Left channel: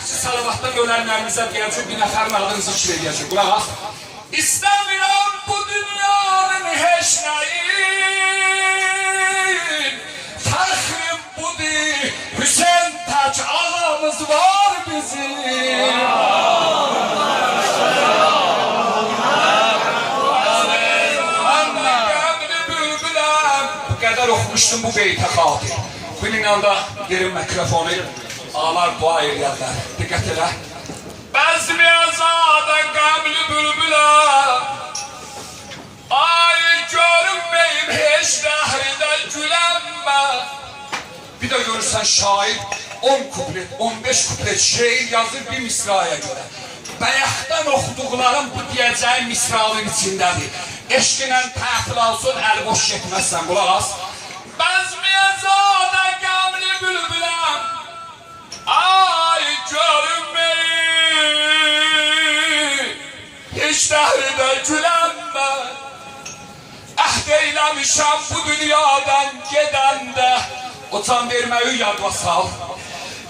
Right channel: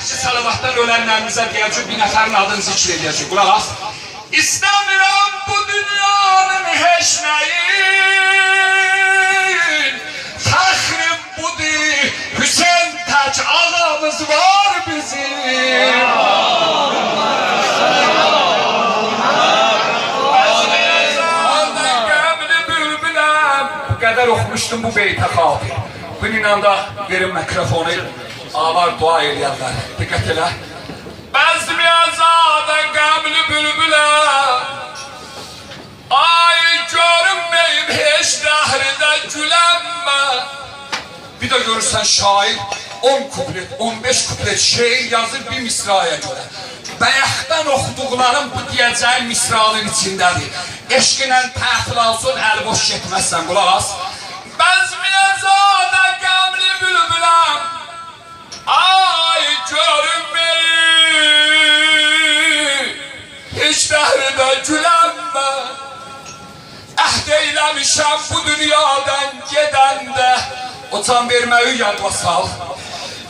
Salavatdan ölenlerinize diyeceğim, bir neferin adını zikr edeceğim. Kulak as. İstemiyorum bu dünyanın heşmeyin. Fəxrim budur, Hüseyin tək ağamız var bizim. Bu kadar okumuştum bu beyte xatir. Bununla da verin mikrofonu. Ağlar dua edirlər. Diqqət elə. Bəzmi əzada qəmli bülbülə ay görünməyim heç dəhridə gülənmə. Bir də görürsən şair 10 kuplet, 15 kuplet şeir yazır bir misraya görə. Bəyəxdən oxuduqlarım bu deyəcəyim misralın içindədir. Eşqinə təfil alsın, əl boş getməzsən, qulaq as. Bəzmi əzada qəmli bülbüləm ay görünməyim heç dəhridə gülənmə. Əhd eyləmişəm bu dünyadan gedəndə. O can verməyi yadma sal.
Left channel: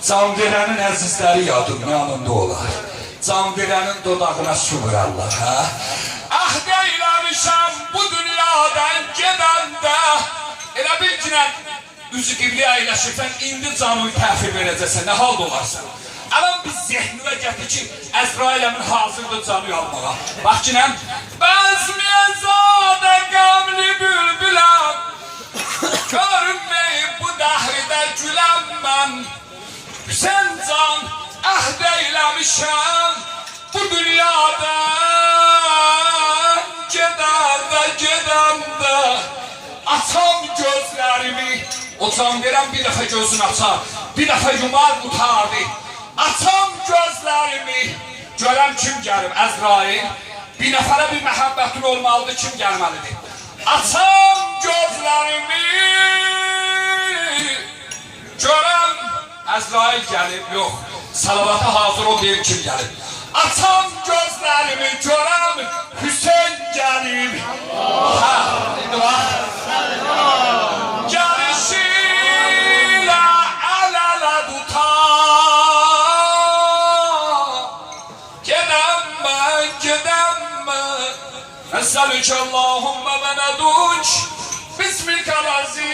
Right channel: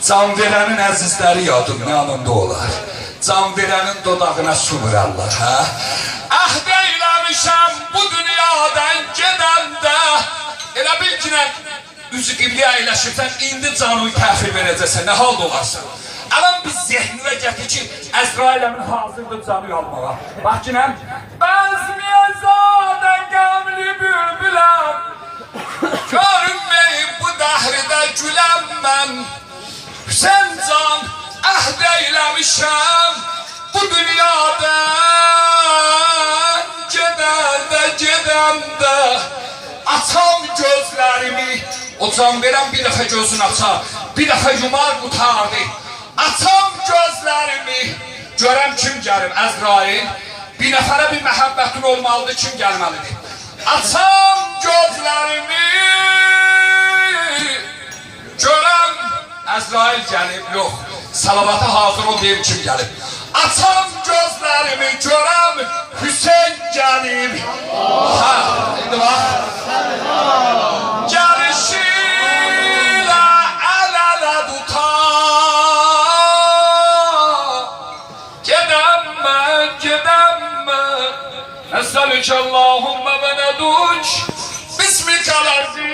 Can verənin əzizləri yadın yanında olar. Can verənin dodağına su vurarlar, hə? Əhd eyləmişəm bu dünyadan gedəndə. Elə bil ki, üzü qibli əyləşirsən, indi canını təhvil verəcəksən, nə halda olarsan? Əvən biz zehnivə gətir ki, Əzrailəmin hazırdır canı almağa. Bax ki, nəm? Bəzmiyyəzadə qəmli bülbüləm, görünməyib bu dəhridə güləm mən. Hüseyin can, əhd eyləmişəm bu dünyadan gedəndə. Açam gözlərimi, o can verən bir dəfə gözünü açar, bir dəfə yumar qutardı. Açam gözlərimi, görəm kim gəlir, Əzrail. Bir nəfərə bir məhəbbətin olmalıdır, kim gəlməlidir? Açam gözlərimi, görəm Əzrail gəlib, yox. Salavata hazır ol deyim kim gəlib. Açam gözlərimi, görəm Hüseyin gəlib. Ha, indi bax. Gəlişilə əl-ələ tutar. Gedəm mən. Əsəlükə Allahümmə və nəduk. Bismikəl-əzim.